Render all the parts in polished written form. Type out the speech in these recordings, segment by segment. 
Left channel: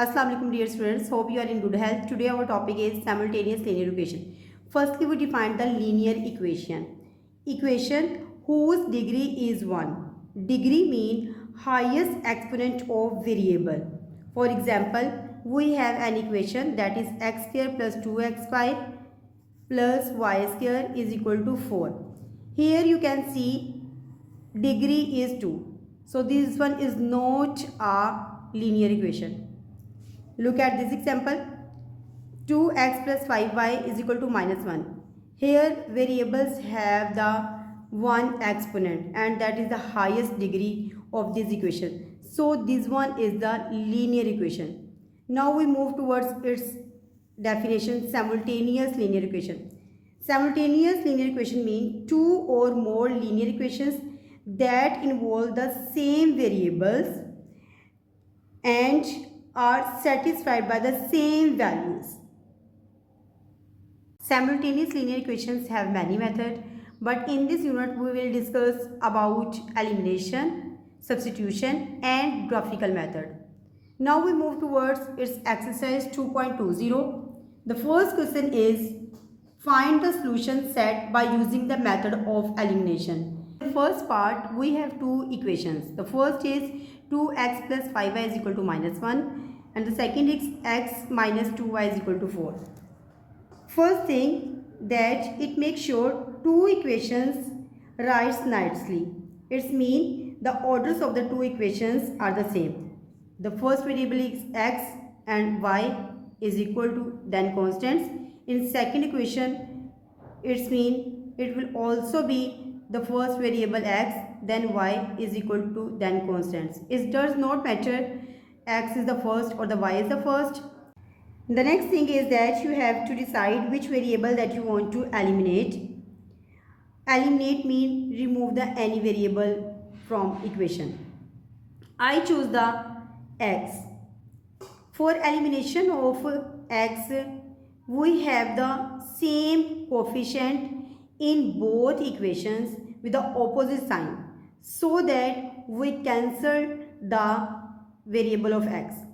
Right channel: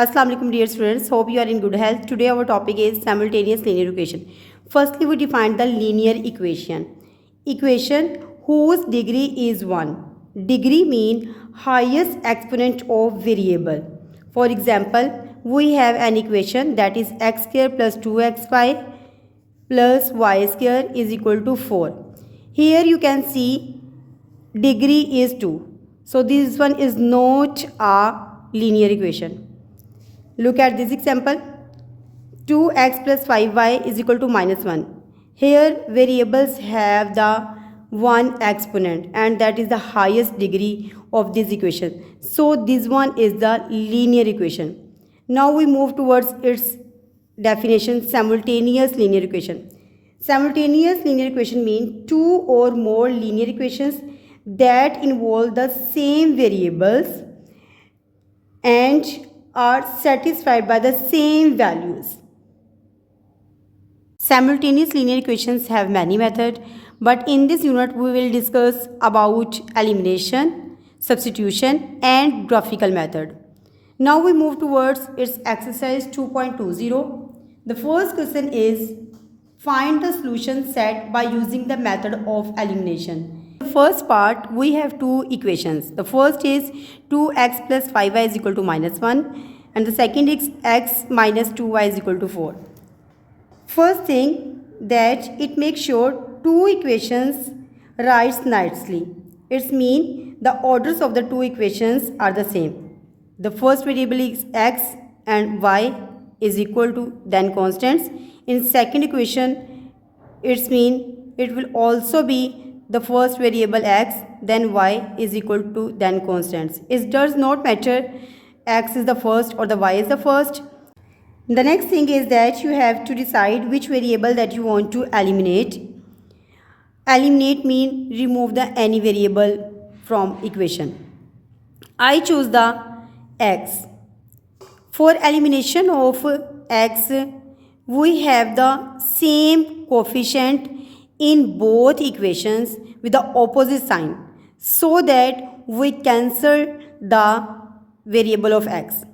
Assalamu alaikum dear students, hope you are in good health. Today our topic is simultaneous linear equation. Firstly, we define the linear equation. Equation whose degree is 1. Degree mean highest exponent of variable. For example, we have an equation that is x square plus 2xy plus y square is equal to 4. Here you can see degree is 2. So this one is not a linear equation. Look at this example. 2x plus 5y is equal to minus 1. Here variables have the one exponent and that is the highest degree of this equation. So this one is the linear equation. Now we move towards its definition, simultaneous linear equation. Simultaneous linear equation means two or more linear equations that involve the same variables and are satisfied by the same values. Simultaneous linear equations have many methods, but in this unit we will discuss about elimination, substitution and graphical method. Now we move towards its exercise 2.20. The first question is find the solution set by using the method of elimination. The first part, we have two equations. The first is 2x plus 5y is equal to minus 1 and the second is x minus 2y is equal to 4. First thing that it makes sure two equations writes nicely. It means the orders of the two equations are the same. The first variable is x and y is equal to then constants. In second equation, it means it will also be the first variable x then y is equal to then constants. It does not matter x is the first or the y is the first. The next thing is that you have to decide which variable that you want to eliminate. Eliminate means remove the any variable from equation. I choose the x. For elimination of x, we have the same coefficient in both equations with the opposite sign so that we cancel the variable of x.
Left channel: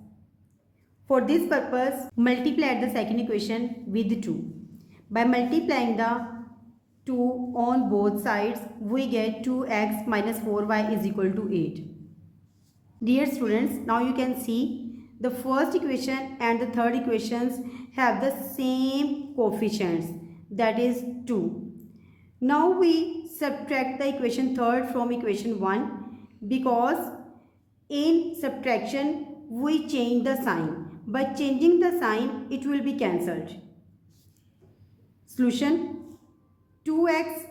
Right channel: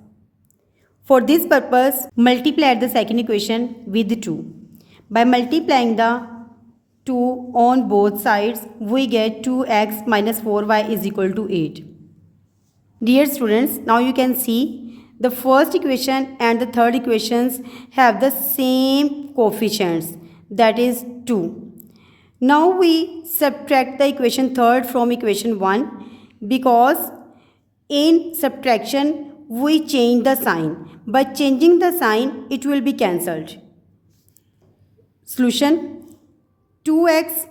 For this purpose, multiply the second equation with 2. By multiplying the 2 on both sides, we get 2x minus 4y is equal to 8. Dear students, now you can see the first equation and the third equations have the same coefficients, that is 2. Now we subtract the equation third from equation 1 because in subtraction we change the sign. By changing the sign, it will be cancelled. Solution 2x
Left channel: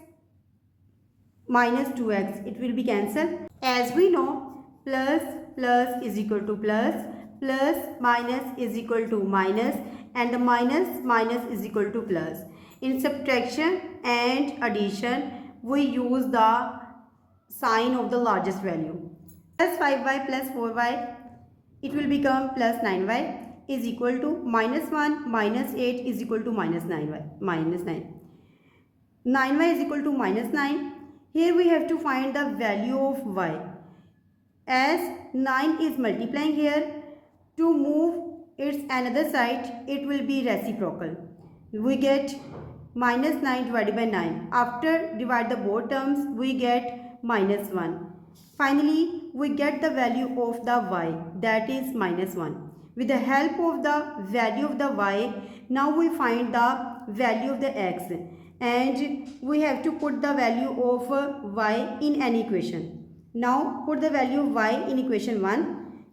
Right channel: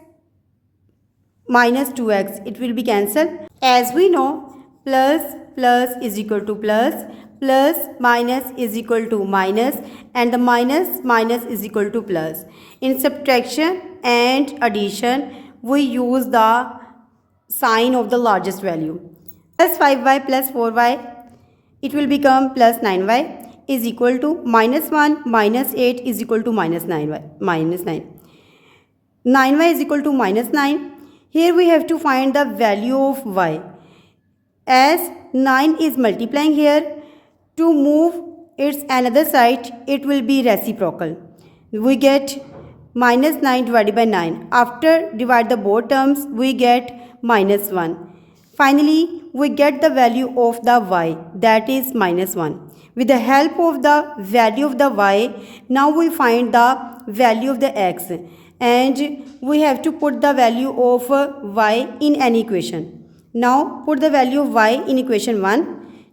minus 2x, it will be cancelled. As we know, plus plus is equal to plus, plus minus is equal to minus and the minus minus is equal to plus. In subtraction and addition, we use the sign of the largest value. Plus 5y plus 4y, it will become plus 9y is equal to minus 1 minus 8 is equal to minus 9y, minus 9. 9y is equal to minus 9. Here we have to find the value of y. As 9 is multiplying here, to move its another side, it will be reciprocal. We get minus 9 divided by 9. After divide the both terms, we get minus 1. Finally, we get the value of the y, that is minus 1. With the help of the value of the y, now we find the value of the x and we have to put the value of y in any equation. Now put the value of y in equation 1.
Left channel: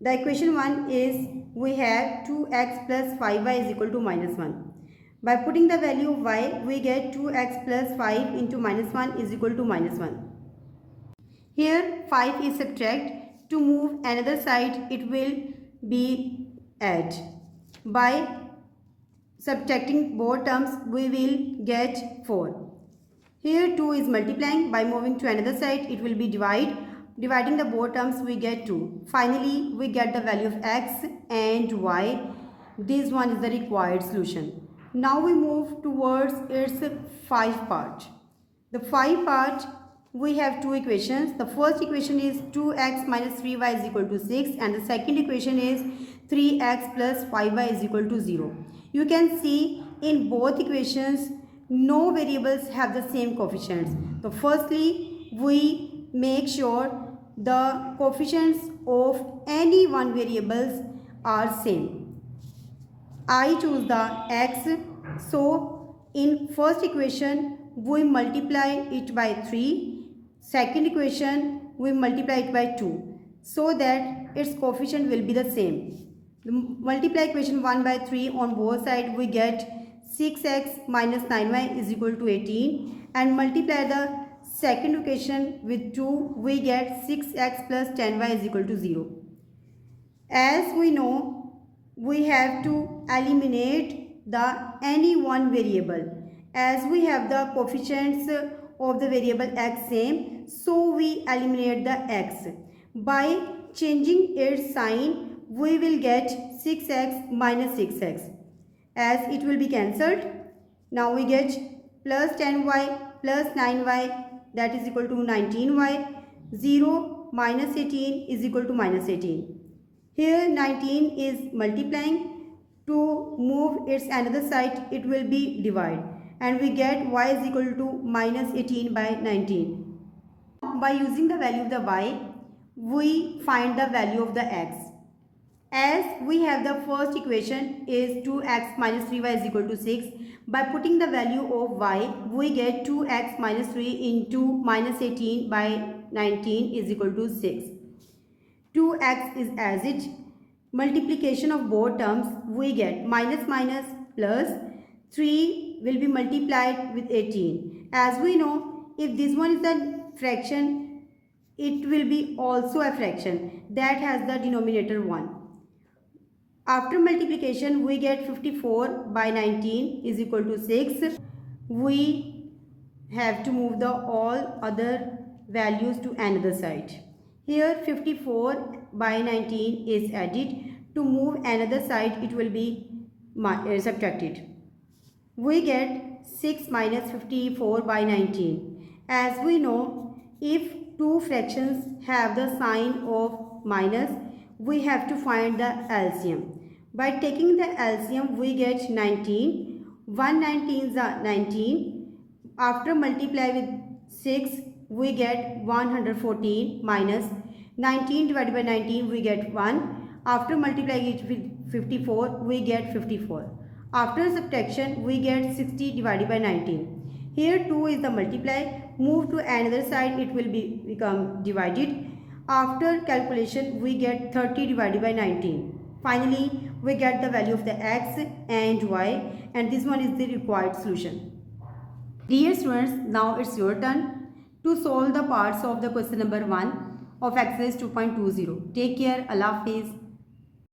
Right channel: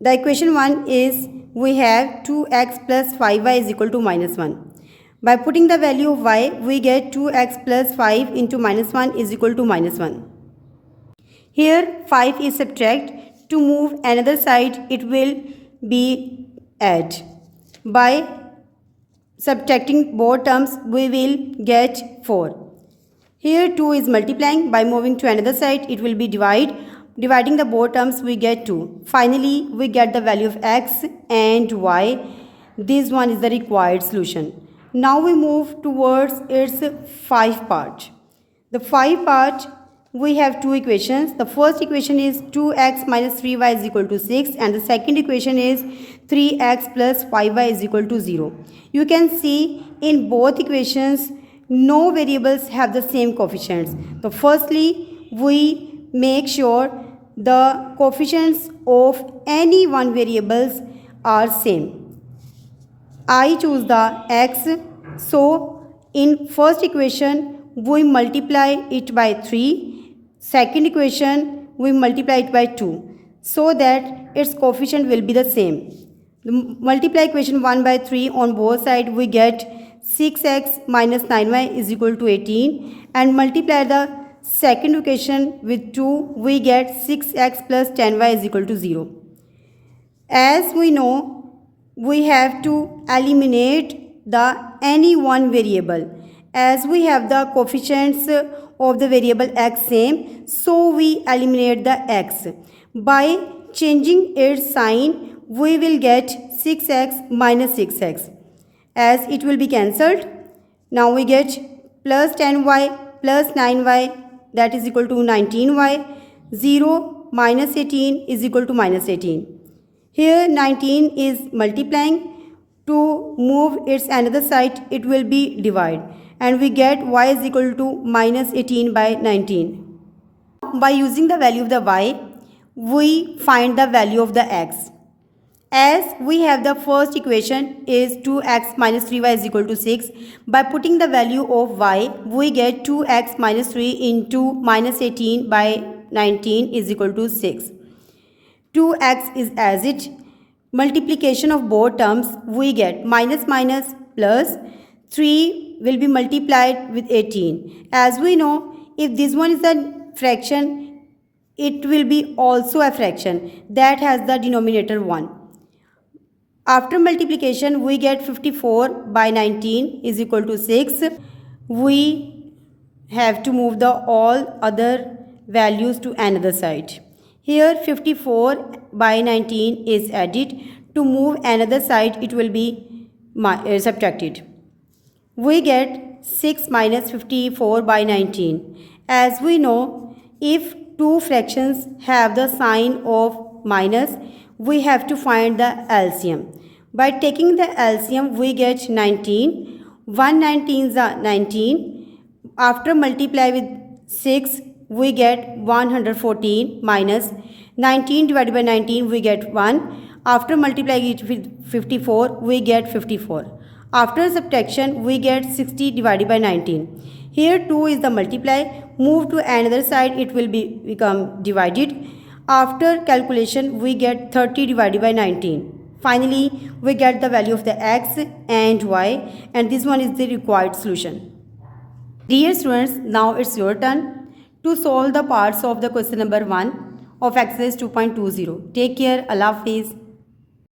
The equation 1 is we have 2x plus 5y is equal to minus 1. By putting the value of y, we get 2x plus 5 into minus 1 is equal to minus 1. Here 5 is subtract. To move another side, it will be add. By subtracting both terms, we will get 4. Here 2 is multiplying. By moving to another side, it will be divide. Dividing the both terms, we get 2. Finally, we get the value of x and y. This one is the required solution. Now we move towards its 5 part. The 5 part we have two equations. The first equation is 2x minus 3y is equal to 6 and the second equation is 3x plus 5y is equal to 0. You can see in both equations no variables have the same coefficients. So firstly, we make sure the coefficients of any one variables are same. I choose the x, so in first equation we multiply it by 3, second equation we multiply it by 2 so that its coefficient will be the same. Multiply equation 1 by 3 on both sides, we get 6x minus 9y is equal to 18 and multiply the second equation with 2, we get 6x plus 10y is equal to 0. As we know, we have to eliminate the any one variable. As we have the coefficients of the variable x same, so we eliminate the x. By changing its sign, we will get 6x minus 6x. As it will be cancelled, now we get plus 10y plus 9y that is equal to 19y. 0 minus 18 is equal to minus 18. Here 19 is multiplying. To move its another side, it will be divide and we get y is equal to minus 18 by 19. By using the value of the y, we find the value of the x. As we have the first equation is 2x minus 3y is equal to 6. By putting the value of y, we get 2x minus 3 into minus 18 by 19 is equal to 6. 2x is as it. Multiplication of both terms, we get minus minus plus 3 will be multiplied with 18. As we know, if this one is a fraction, it will be also a fraction that has the denominator 1. After multiplication, we get 54 by 19 is equal to 6. We have to move the all other values to another side. Here 54 by 19 is added. To move another side, it will be subtracted. We get 6 minus 54 by 19. As we know, if two fractions have the sign of minus, we have to find the LCM. By taking the LCM, we get 19. 1 19s are 19. After multiply with 6, we get 114 minus 19 divided by 19, we get 1. After multiplying it with 54, we get 54. After subtraction, we get 60 divided by 19. Here 2 is the multiply. Move to another side, it will become divided. After calculation, we get 30 divided by 19. Finally, we get the value of the x and y, and this one is the required solution. Dear students, now it's your turn to solve the parts of the question number 1 of exercise 2.20. Take care. Allah Hafiz.